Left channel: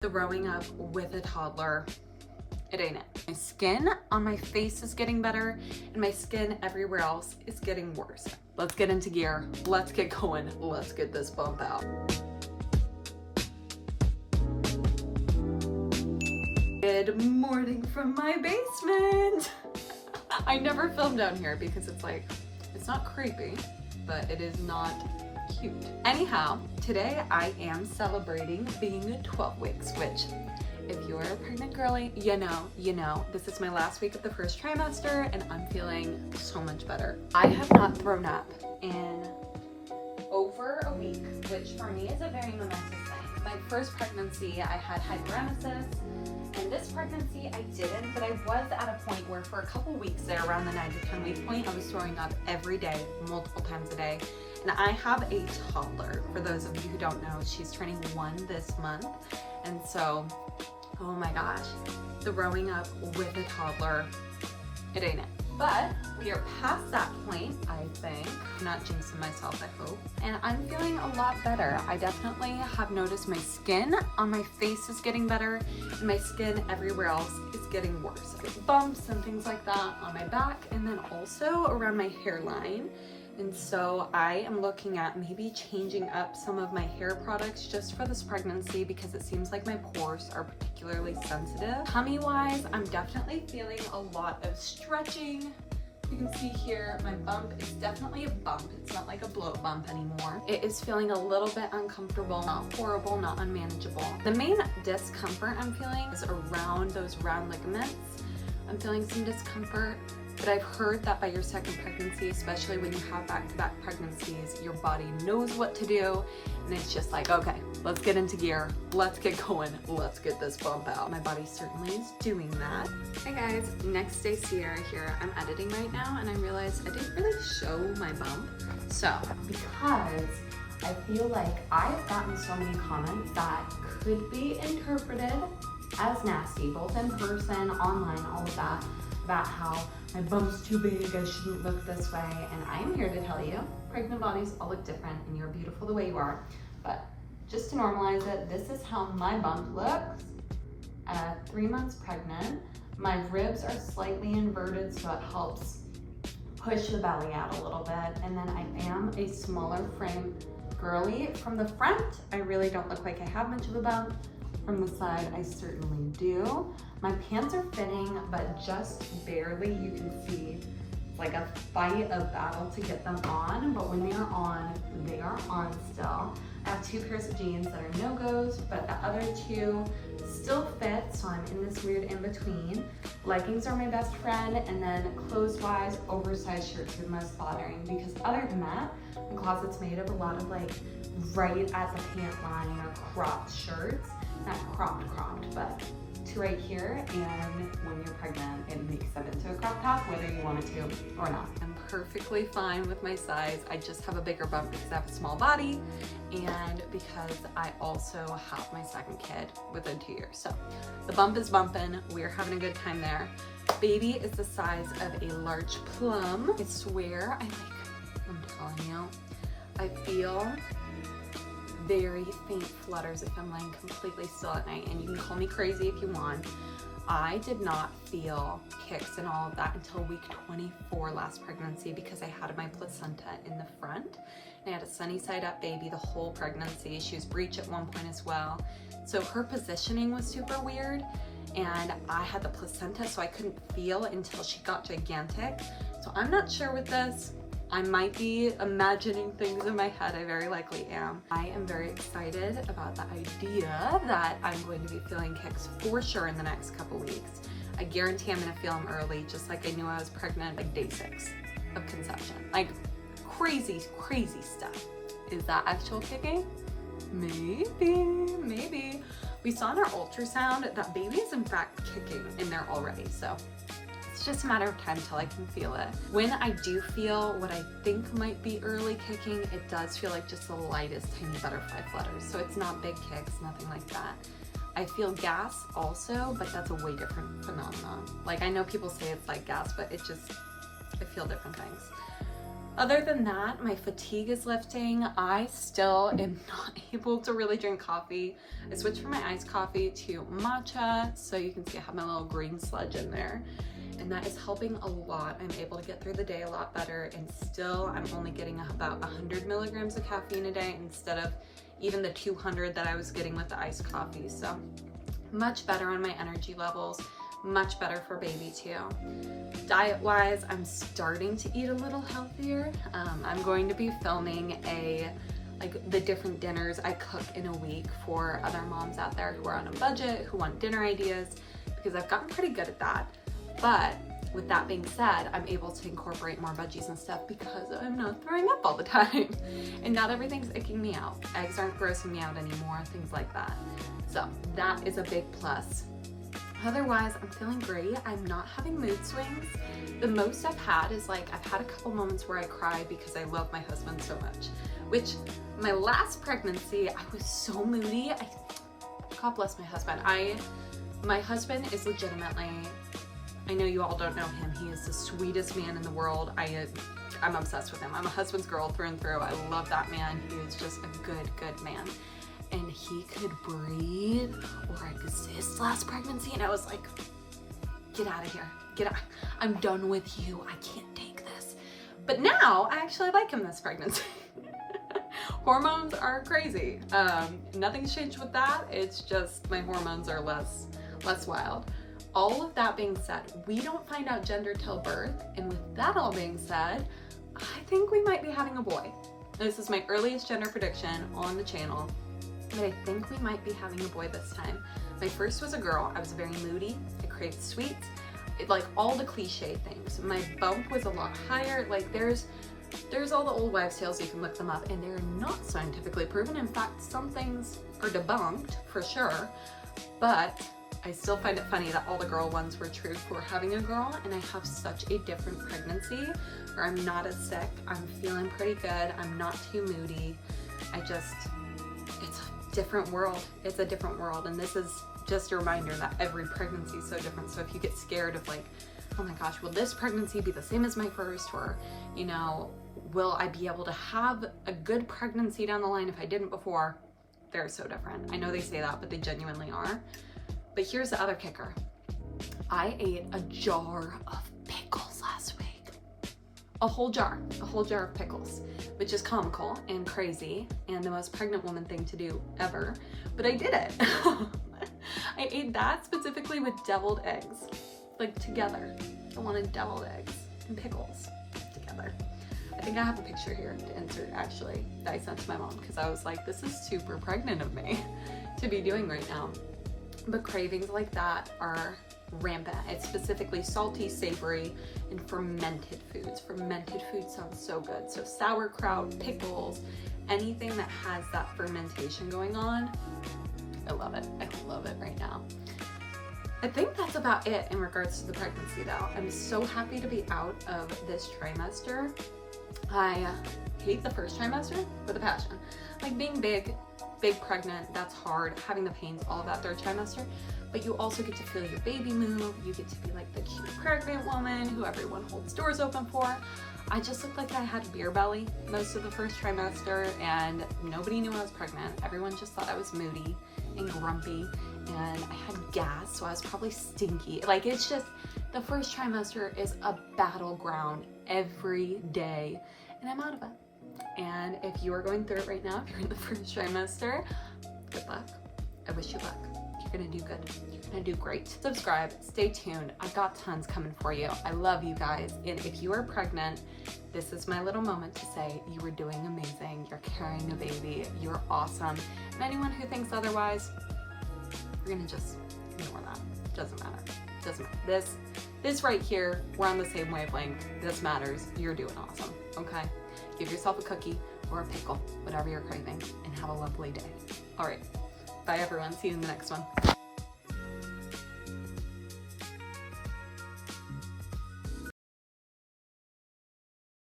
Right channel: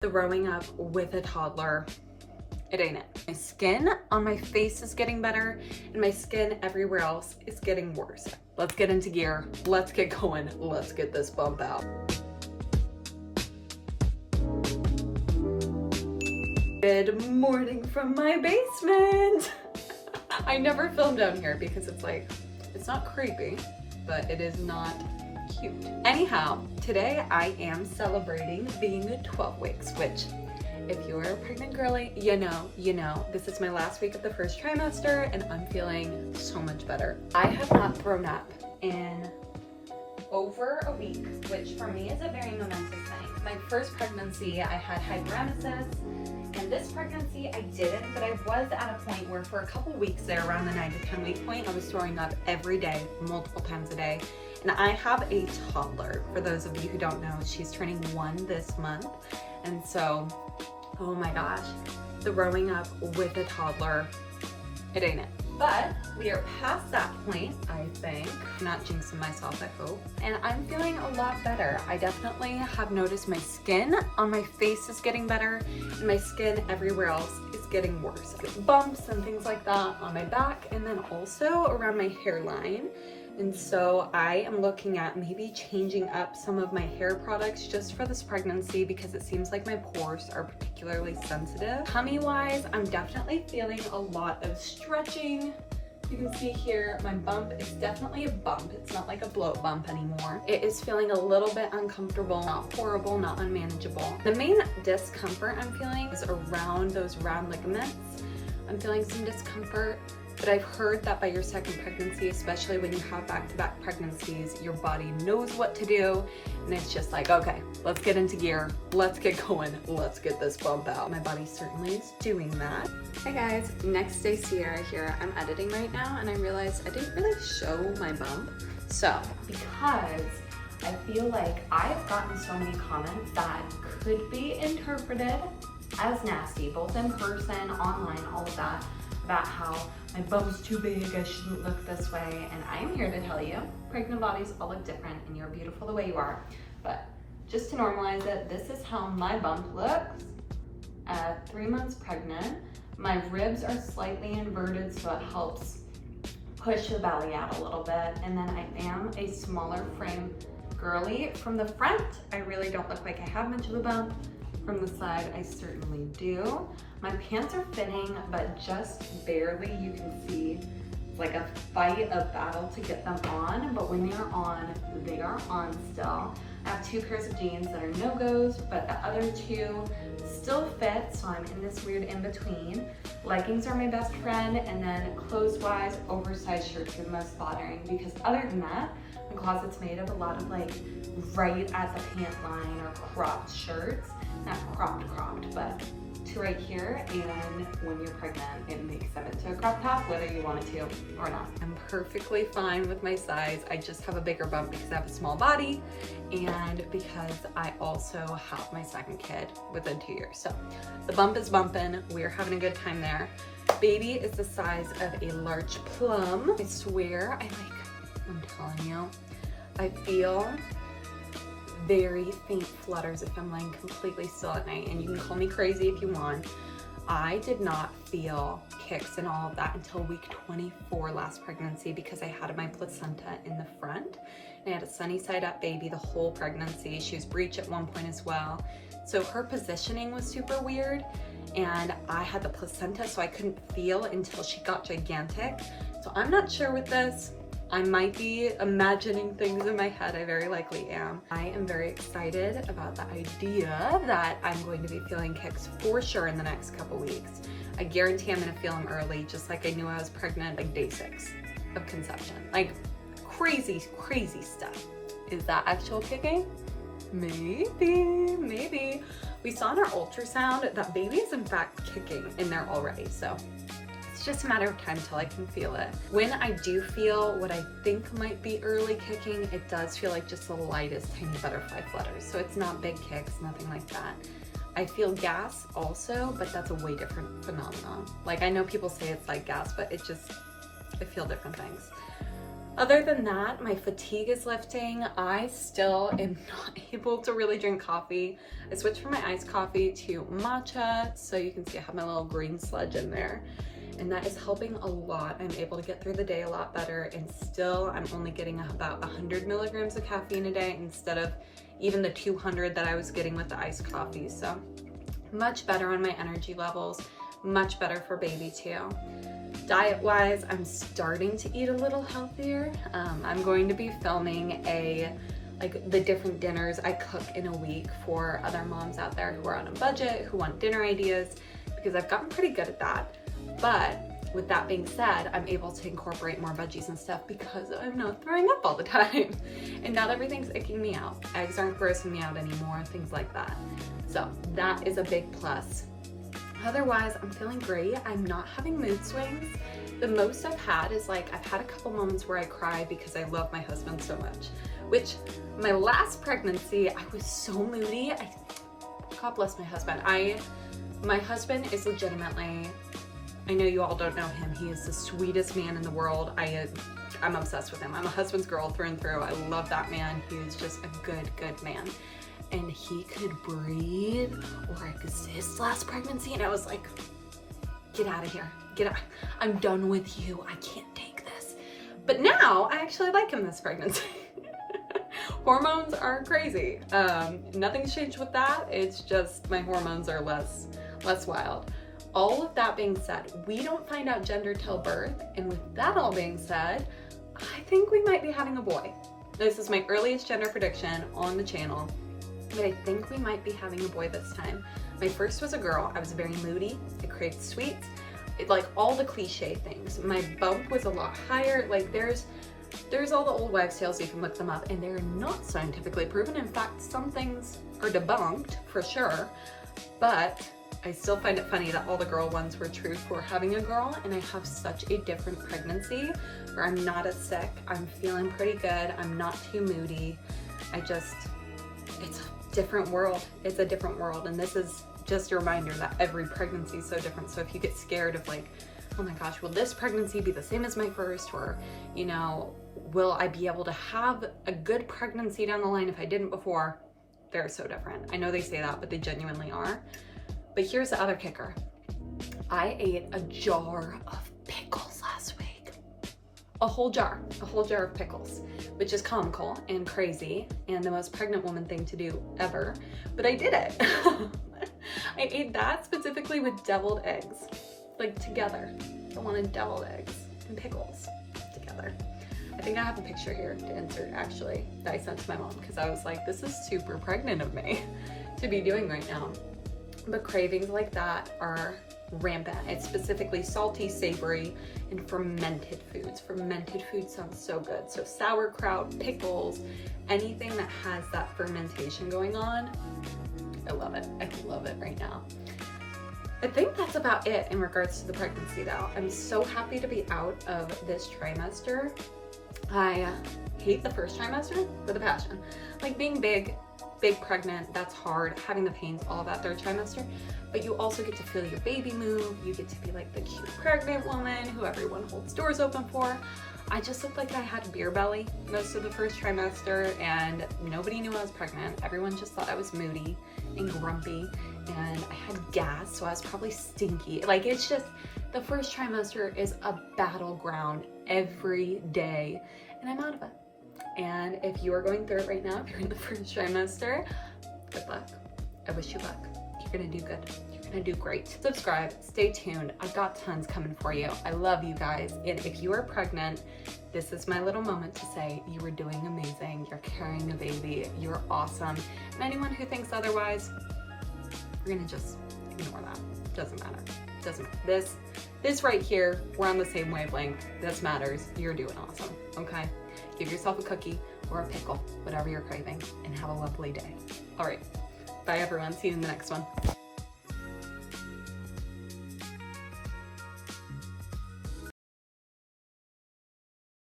Throwing up with a toddler, it ain't it. My skin on my face is getting better and my skin everywhere else is getting worse. Let's get into gear. Let's get going. Let's get this bump out. Good morning from my basement. I never film down here because it's not creepy, but it is not cute. Anyhow, today I am celebrating being 12 weeks, which if you're a pregnant girly, you know, this is my last week of the first trimester and I'm feeling so much better. I have not thrown up in over a week, which for me is a very momentous thing. My first pregnancy, I had hyperemesis. In this pregnancy, I didn't, but I was at a point where for a couple weeks there, around the 9 to 10 week point, I was throwing up every day, multiple times a day. And I have a toddler. For those of you who don't know, she's turning 1 this month. And so, oh my gosh, throwing up with a toddler, it ain't it. But we are past that point, I think. I'm not jinxing myself, I hope. And I'm feeling a lot better. I definitely have noticed my skin on my face is getting better and my skin everywhere else is getting worse. Bumps and things like that on my back and then also around my hairline. And so I am looking at maybe changing up some of my hair products just for this pregnancy because it seems like my pores are particularly sensitive. Tummy wise, I'm definitely feeling a lot of stretching. You can see here, my bump is definitely a bump. It's not like a bloat bump anymore. It is feeling a little bit uncomfortable, not horrible, not unmanageable. The main discomfort I'm feeling is around those round ligaments. I'm feeling some discomfort. But I've heard that by your second pregnancy, especially when you have back-to-back pregnancies, your body knows what to do. And it's just like, okay, let's get into gear. Let's get going. Let's get this bump out. My body certainly is doing that. Hi guys, next day Sierra here. I'm editing right now and I realized I didn't really show my bump. So, because I feel like I've gotten so many comments that could be interpreted as nasty, both in person, online, all of that, about how my bump's too big, I shouldn't look this way, and I am here to tell you, pregnant bodies all look different and you're beautiful the way you are, but just to normalize it, this is how my bump looks at 3 months pregnant. My ribs are slightly inverted so it helps push the belly out a little bit, and then I am a smaller frame girly. From the front, I really don't look like I have much of a bump. From the side, I certainly do. My pants are fitting, but just barely. You can see it's like a fight, a battle to get them on, but when they're on, they are on still. I have 2 pairs of jeans that are no-goes, but the other 2 still fit, so I'm in this weird in-between. Leggings are my best friend, and then clothes-wise, oversized shirts are the most bothering, because other than that, my closet's made of a lot of like right at the pant line or cropped shirts. Not cropped, but to right here, and when you're pregnant, it makes them into a crop top, whether you want it to or not. I'm perfectly fine with my size. I just have a bigger bump because I have a small body and because I also have my second kid within 2 years. So the bump is bumping. We're having a good time there. Baby is the size of a large plum. I swear, I'm telling you, I feel very faint flutters if I'm laying completely still at night, and you can call me crazy if you want. I did not feel kicks and all of that until week 24 last pregnancy because I had my placenta in the front and I had a sunny side up baby the whole pregnancy. She was breech at one point as well. So her positioning was super weird and I had the placenta so I couldn't feel until she got gigantic. So I'm not sure with this. I might be imagining things in my head, I very likely am. I am very excited about the idea that I'm going to be feeling kicks for sure in the next couple weeks. I guarantee I'm gonna feel them early, just like I knew I was pregnant like day 6 of conception. Like crazy, crazy stuff. Is that actual kicking? Maybe. We saw in our ultrasound that baby is in fact kicking in there already, so. It's just a matter of time till I can feel it. When I do feel what I think might be early kicking, it does feel like just the lightest tiny butterfly flutters. So it's not big kicks, nothing like that. I feel gas also, but that's a way different phenomenon. Like I know people say it's like gas, but I feel different things. Other than that, my fatigue is lifting. I still am not able to really drink coffee. I switched from my iced coffee to matcha, so you can see I have my little green sludge in there. And that is helping a lot. I'm able to get through the day a lot better, and still I'm only getting about 100 milligrams of caffeine a day instead of even the 200 that I was getting with the iced coffee. So much better on my energy levels, much better for baby too. Diet wise, I'm starting to eat a little healthier. I'm going to be filming the different dinners I cook in a week for other moms out there who are on a budget, who want dinner ideas, because I've gotten pretty good at that. But with that being said, I'm able to incorporate more veggies and stuff because I'm not throwing up all the time. And not everything's icking me out. Eggs aren't grossing me out anymore, things like that. So that is a big plus. Otherwise, I'm feeling great. I'm not having mood swings. The most I've had is I've had a couple moments where I cry because I love my husband so much, which my last pregnancy, I was so moody. God bless my husband. My husband is legitimately, I know you all don't know him. He is the sweetest man in the world. I'm obsessed with him. I'm a husband's girl through and through. I love that man. He is just a good man. And he could breathe or exist last pregnancy. And I was like, get out of here. Get out. I'm done with you. I can't take this. But now I actually like him this pregnancy. Hormones are crazy. Nothing's changed with that. It's just my hormones are less wild. All of that being said, we don't find out gender till birth. And with that all being said, I think we might be having a boy. This is my earliest gender prediction on the channel. But I think we might be having a boy this time. My first was a girl. I was very moody. I craved sweets. All the cliche things. My bump was a lot higher. There's all the old wives' tales. You can look them up, and they're not scientifically proven. In fact, some things are debunked for sure. But I still find it funny that all the girl ones were true for having a girl, and I have such a different pregnancy where I'm not as sick. I'm feeling pretty good. I'm not too moody. It's a different world. It's a different world, and this is just a reminder that every pregnancy is so different. So if you get scared of oh my gosh, will this pregnancy be the same as my first, or will I be able to have a good pregnancy down the line if I didn't before? They're so different. I know they say that, but they genuinely are. But here's the other kicker. I ate a jar of pickles last week. A whole jar of pickles, which is comical and crazy and the most pregnant woman thing to do ever, but I did it. I ate that specifically with deviled eggs, together. I wanted deviled eggs and pickles together. I think I have a picture here to insert actually that I sent to my mom because I was like, this is super pregnant of me to be doing right now. But cravings like that are rampant. It's specifically salty, savory, and fermented foods. Fermented food sounds so good. So sauerkraut, pickles, anything that has that fermentation going on, I love it. I love it right now. I think that's about it in regards to the pregnancy though. I'm so happy to be out of this trimester. I hate the first trimester with a passion. Being big pregnant, that's hard. Having the pains, all of that third trimester. But you also get to feel your baby move. You get to be the cute pregnant woman who everyone holds doors open for. I just looked like I had a beer belly most of the first trimester, and nobody knew I was pregnant. Everyone just thought I was moody and grumpy, and I had gas, so I was probably stinky. It's just, the first trimester is a battleground every day, and I'm out of it. And if you are going through it right now, if you're in the first trimester, good luck. I wish you luck. You're gonna do good. You're gonna do great. Subscribe, stay tuned. I've got tons coming for you. I love you guys. And if you are pregnant, this is my little moment to say you are doing amazing. You're carrying a baby. You're awesome. And anyone who thinks otherwise, we're gonna just ignore that. Doesn't matter. Doesn't matter. This right here, we're on the same wavelength. This matters. You're doing awesome. Okay? Give yourself a cookie or a pickle, whatever you're craving, and have a lovely day. All right. Bye everyone. See you in the next one.